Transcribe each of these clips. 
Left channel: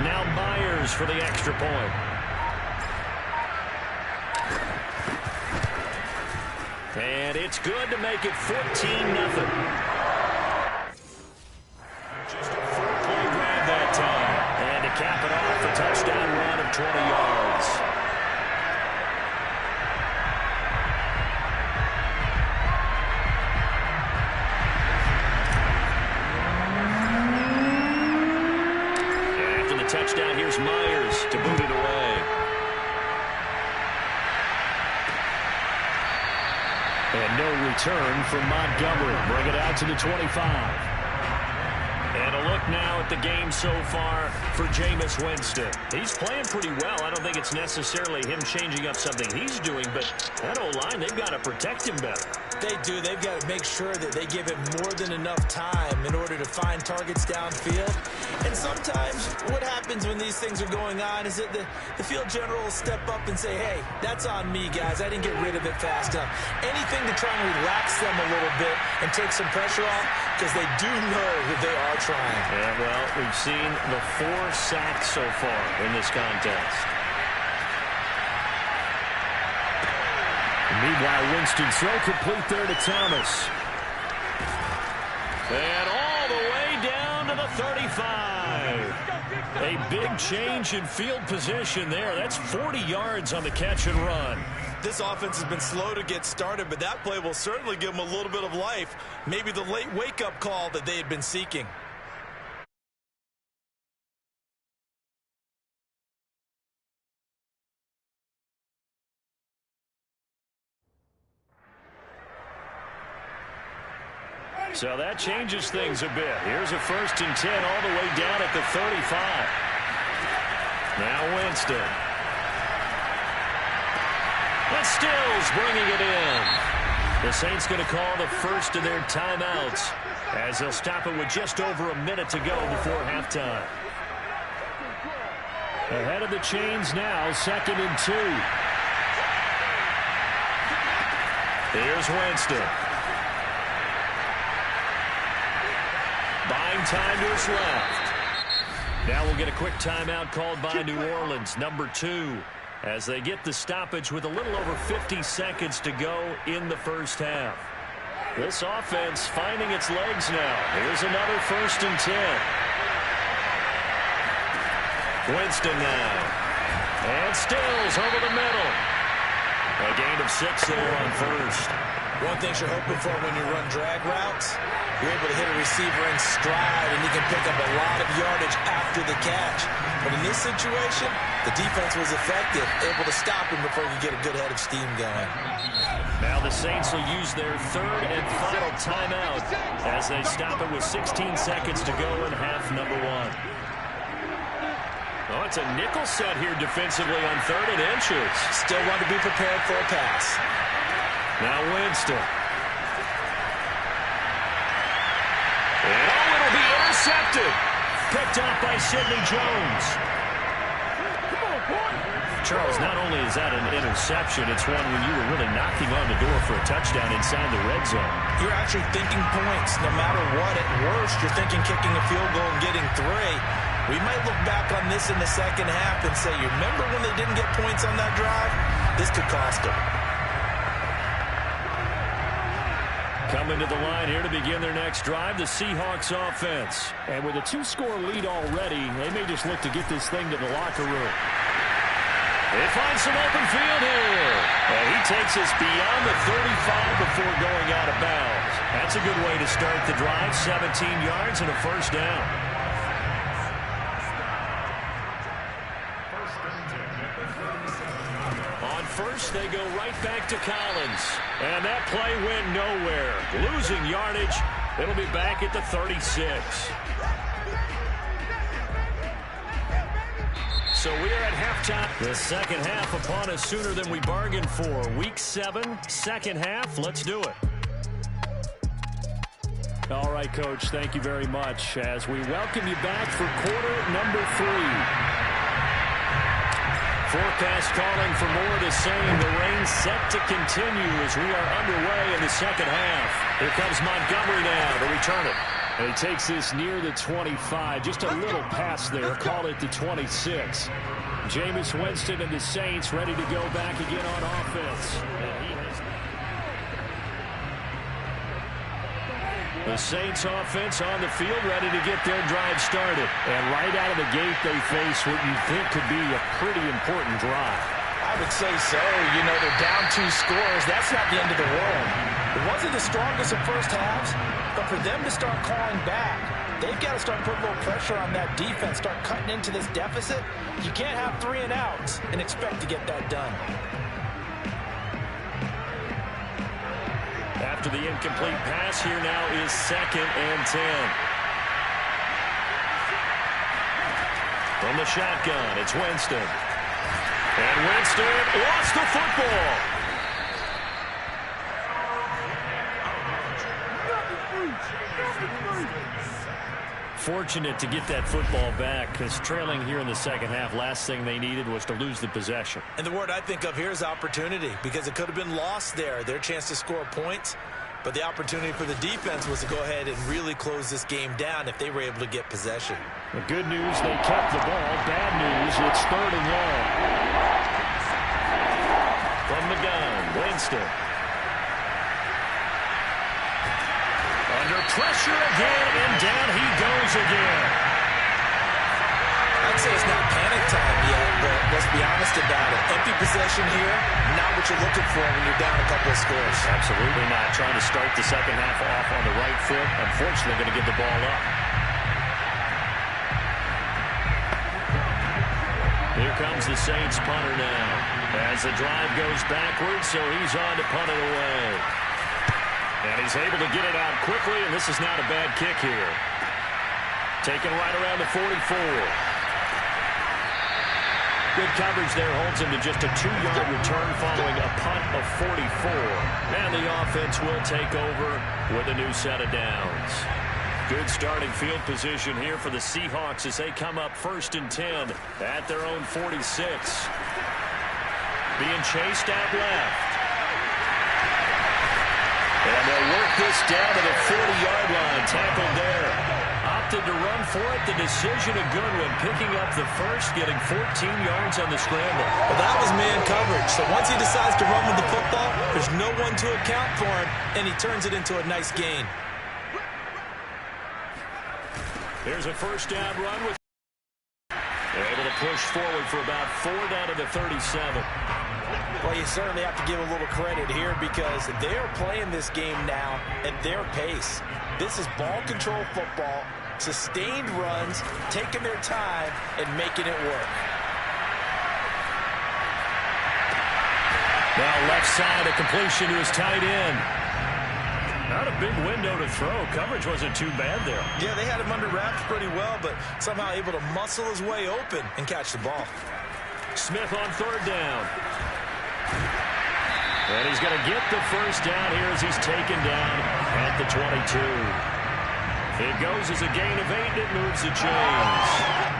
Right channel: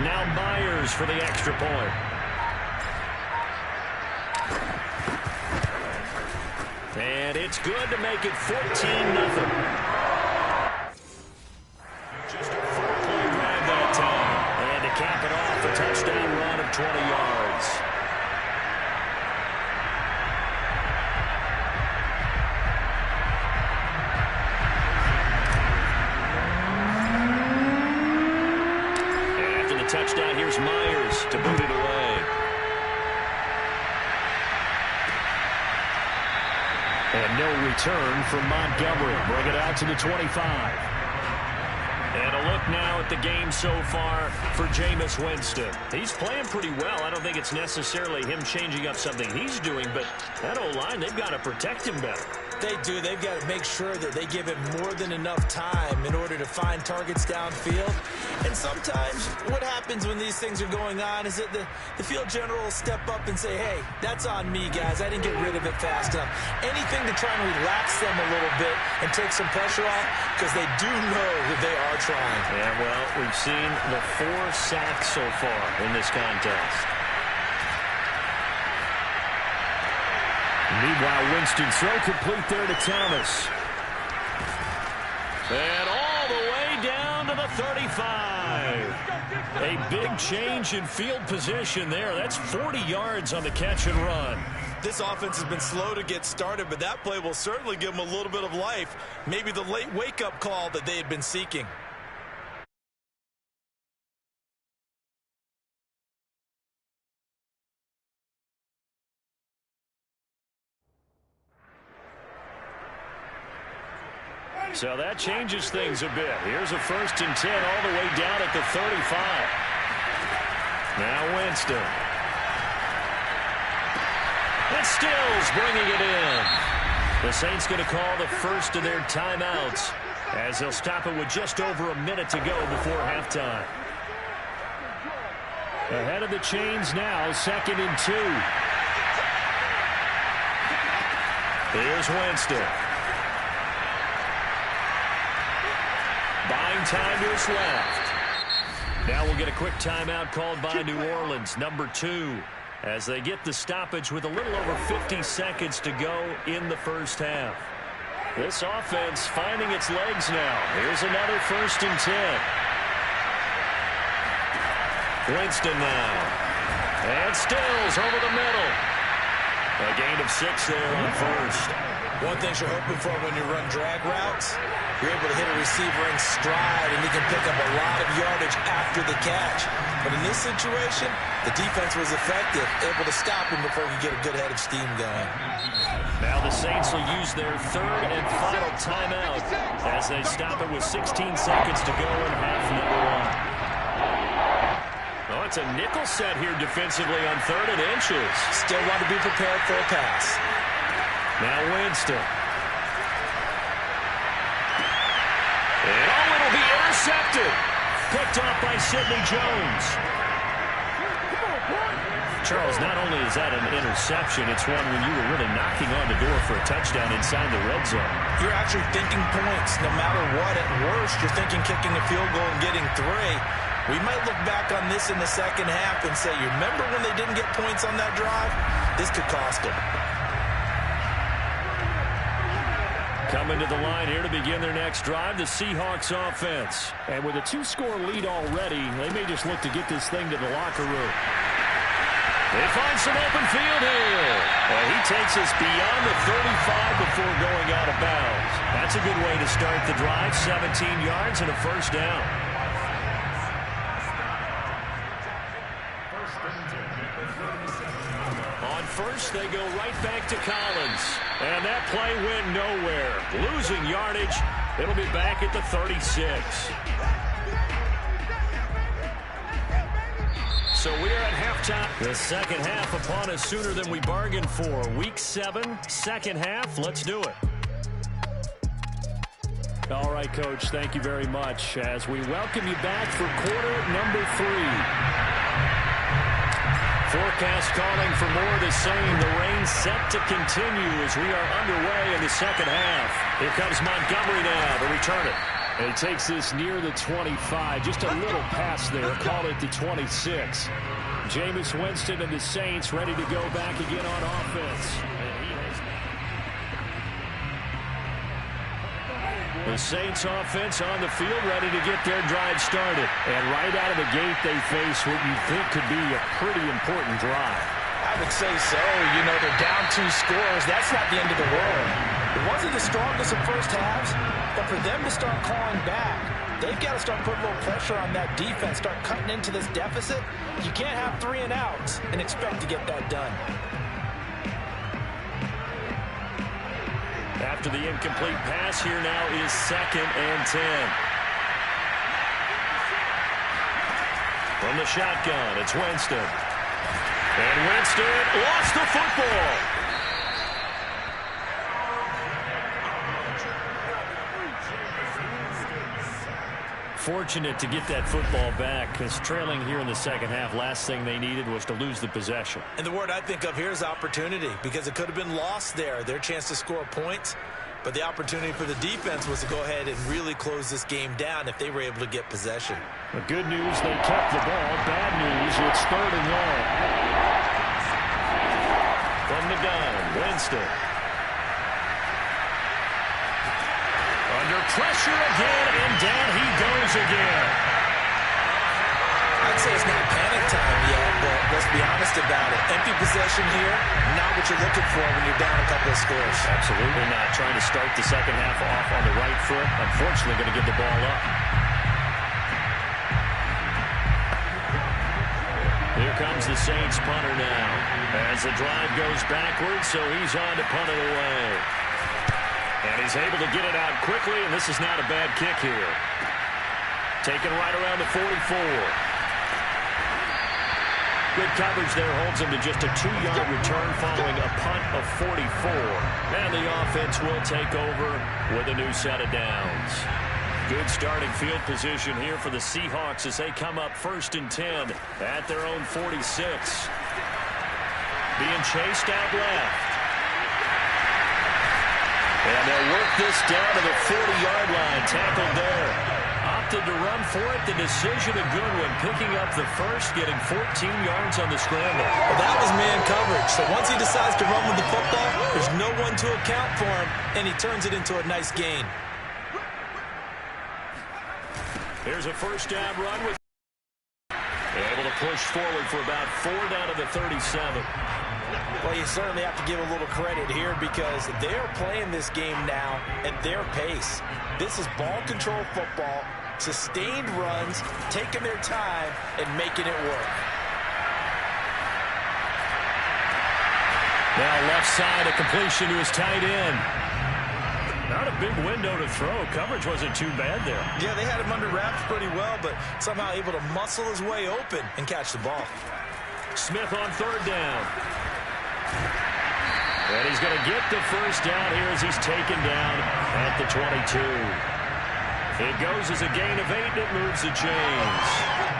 Now Myers for the extra point. And it's good to make it 14-0. Just a four-play grab that time. And to cap it off, a touchdown run of 20 yards. And after the touchdown, here's Myers to boot it away. And no return from Montgomery. Bring it out to the 25. And a look now at the game so far for Jameis Winston. He's playing pretty well. I don't think it's necessarily him changing up something he's doing, but that O-line, they've got to protect him better. They do. They've got to make sure that they give him more than enough time in order to find targets downfield. And sometimes what happens when these things are going on is that the field general will step up and say, hey, that's on me, guys. I didn't get rid of it fast enough. Anything to try and relax them a little bit and take some pressure off, because they do know that they are trying. Yeah, well, we've seen the 4 sacks so far in this contest. Meanwhile, Winston's throw complete there to Thomas. And all the way down to the 35. A big change in field position there. That's 40 yards on the catch and run. This offense has been slow to get started, but that play will certainly give them a little bit of life. Maybe the late wake-up call that they had been seeking. So that changes things a bit. Here's a 1st and 10 all the way down at the 35. Now Winston. And Stills bringing it in. The Saints going to call the first of their timeouts as they'll stop it with just over a minute to go before halftime. Ahead of the chains now, 2nd and 2. Here's Winston. Buying time to his left. Now we'll get a quick timeout called by New Orleans, number 2, as they get the stoppage with a little over 50 seconds to go in the first half. This offense finding its legs now. Here's another 1st and 10. Winston now. And Stills over the middle. A gain of 6 there on 1st. One thing you're hoping for when you run drag routes, you're able to hit a receiver in stride, and he can pick up a lot of yardage after the catch. But in this situation, the defense was effective, able to stop him before he could get a good head of steam going. Now the Saints will use their 3rd and final timeout as they stop it with 16 seconds to go in half number 1. Oh, it's a nickel set here defensively on 3rd and inches. Still want to be prepared for a pass. Now Winston. And oh, it'll be intercepted. Picked off by Sidney Jones. Charles, not only is that an interception, it's one when you were really knocking on the door for a touchdown inside the red zone. You're actually thinking points. No matter what, at worst, you're thinking kicking a field goal and getting 3. We might look back on this in the second half and say, you remember when they didn't get points on that drive? This could cost them. Coming to the line here to begin their next drive, the Seahawks offense. And with a 2-score lead already, they may just look to get this thing to the locker room. They find some open field here. And he takes us beyond the 35 before going out of bounds. That's a good way to start the drive. 17 yards and a 1st down. On 1st, they go right back to Collins. And that play went nowhere. Losing yardage. It'll be back at the 36. So we are at halftime. The second half upon us sooner than we bargained for. Week 7, second half. Let's do it. All right, Coach, thank you very much as we welcome you back for quarter number 3. Forecast calling for more of the same. The rain set to continue as we are underway in the second half. Here comes Montgomery now to return it. And he takes this near the 25. Just a little pass there. Call it the 26. Jameis Winston and the Saints ready to go back again on offense. The Saints offense on the field ready to get their drive started. And right out of the gate, they face what you think could be a pretty important drive. I would say so. You know, they're down 2 scores. That's not the end of the world. It wasn't the strongest of first halves, but for them to start calling back, they've got to start putting a little pressure on that defense, start cutting into this deficit. You can't have 3 and outs and expect to get that done. After the incomplete pass, here now is 2nd and 10. From the shotgun, it's Winston. And Winston lost the football. Fortunate to get that football back, because trailing here in the second half, last thing they needed was to lose the possession. And the word I think of here is opportunity, because it could have been lost there, their chance to score points. But the opportunity for the defense was to go ahead and really close this game down if they were able to get possession. The good news, they kept the ball. Bad news, it's 3rd and long. From the gun, Winston. Under pressure again, and down he goes again. I'd say it's not panic time yet, but let's be honest about it. Empty possession here, not what you're looking for when you're down a couple of scores. Absolutely not. Trying to start the second half off on the right foot. Unfortunately, going to give the ball up. Here comes the Saints punter now. As the drive goes backwards, so he's on to punt it away. And he's able to get it out quickly, and this is not a bad kick here. Taken right around the 44. Good coverage there holds him to just a 2-yard return following a punt of 44. And the offense will take over with a new set of downs. Good starting field position here for the Seahawks as they come up 1st and 10 at their own 46. Being chased out left. And they'll work this down to the 40-yard line. Tackled there. Opted to run for it. The decision a good one. Picking up the first, getting 14 yards on the scramble. Well, that was man coverage. So once he decides to run with the football, there's no one to account for him, and he turns it into a nice gain. Here's a first down run with able to push forward for about 4 down to the 37. Well, you certainly have to give a little credit here because they're playing this game now at their pace. This is ball control football, sustained runs, taking their time and making it work. Now left side, a completion to his tight end. Not a big window to throw. Coverage wasn't too bad there. Yeah, they had him under wraps pretty well, but somehow able to muscle his way open and catch the ball. Smith on 3rd down. And he's going to get the first down here as he's taken down at the 22. It goes as a gain of 8, and it moves the chains.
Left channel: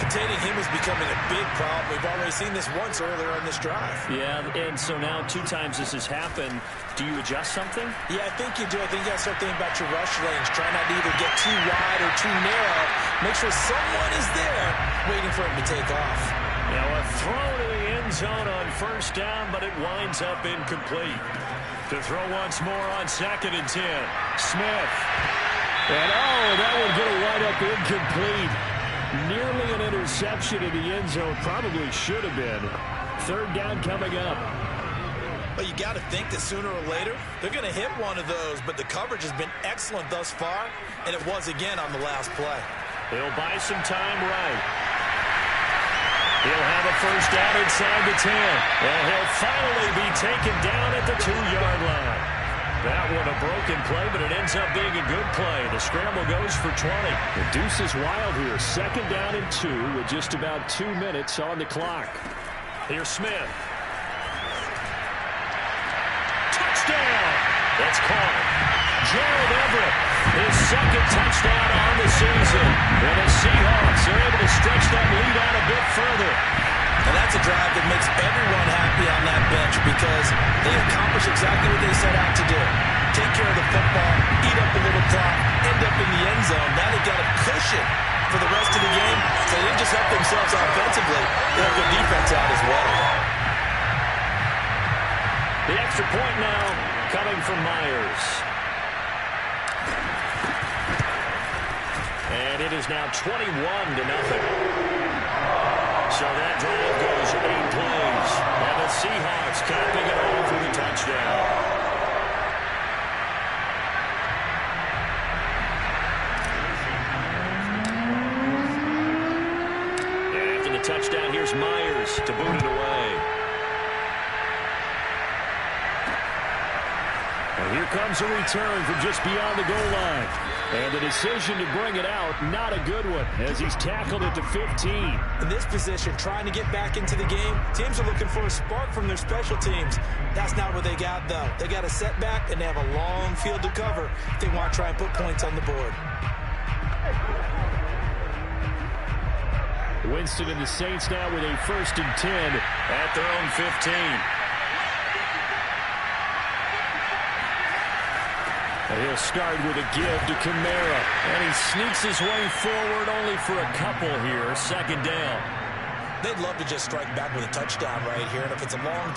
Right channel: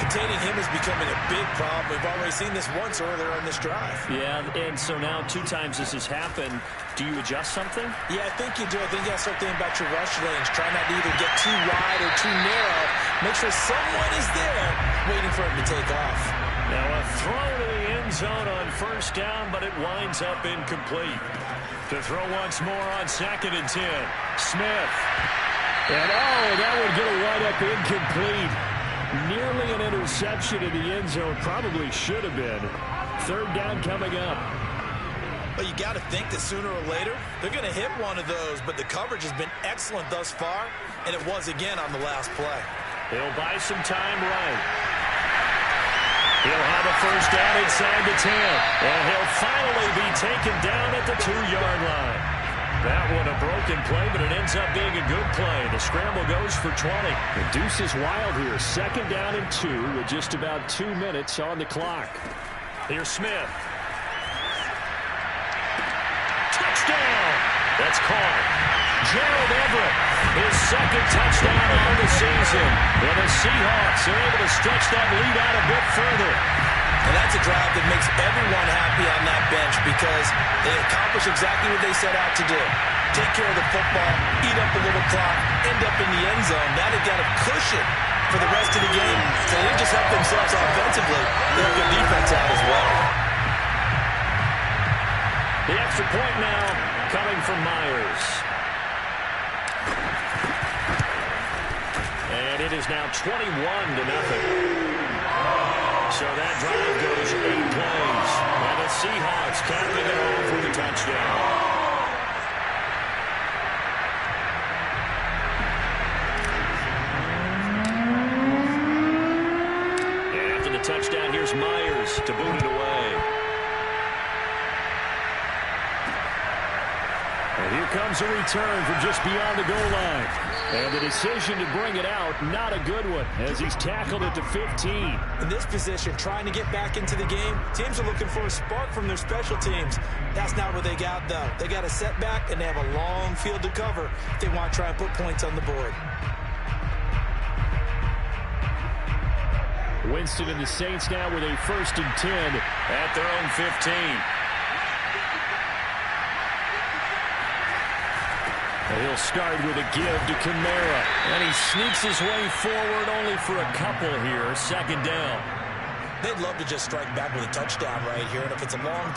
Containing him is becoming a big problem. We've already seen this once earlier on this drive. Yeah, and so now 2 times this has happened. Do you adjust something? Yeah, I think you do. I think you got to start thinking about your rush lanes. Try not to either get too wide or too narrow. Make sure someone is there waiting for him to take off. Now a throw to the end zone on 1st down, but it winds up incomplete. To throw once more on 2nd and 10. Smith. And that would get a wind up incomplete. Nearly an interception in the end zone. Probably should have been. 3rd down coming up. Well, you got to think that sooner or later they're going to hit one of those, but the coverage has been excellent thus far, and it was again on the last play. He'll buy some time right. He'll have a first down inside the 10. And he'll finally be taken down at the 2-yard line. That one a broken play, but it ends up being a good play. The scramble goes for 20. The deuce is wild here. 2nd down and 2 with just about 2 minutes on the clock. Here's Smith. Touchdown! That's caught. Gerald Everett, his 2nd touchdown on the season. And the Seahawks are able to stretch that lead out a bit further. And that's a drive that makes everyone happy on that bench because they accomplish exactly what they set out to do. take care of the football, eat up a little clock, end up in the end zone. Now they've got a cushion for the rest of the game. So they didn't just help themselves offensively, they have good defense out as well. The extra point now coming from Myers. And it is now 21-0. So that drive goes 8 plays. And the Seahawks capping it off with a touchdown. And after the touchdown, here's Myers to boot it away. And here comes a return from just beyond the goal line. And the decision to bring it out, not a good one, as he's tackled it to 15. In this position, trying to get back into the game, teams are looking for a spark from their special teams. That's not what they got, though. They got a setback, and they have a long field to cover if they want to try and put points on the board. Winston and the Saints now with a 1st and 10 at their own 15. He'll start with a give to Kamara. And he sneaks his way forward only for a couple here. 2nd down. They'd love to just strike back with a touchdown right here. And if it's a long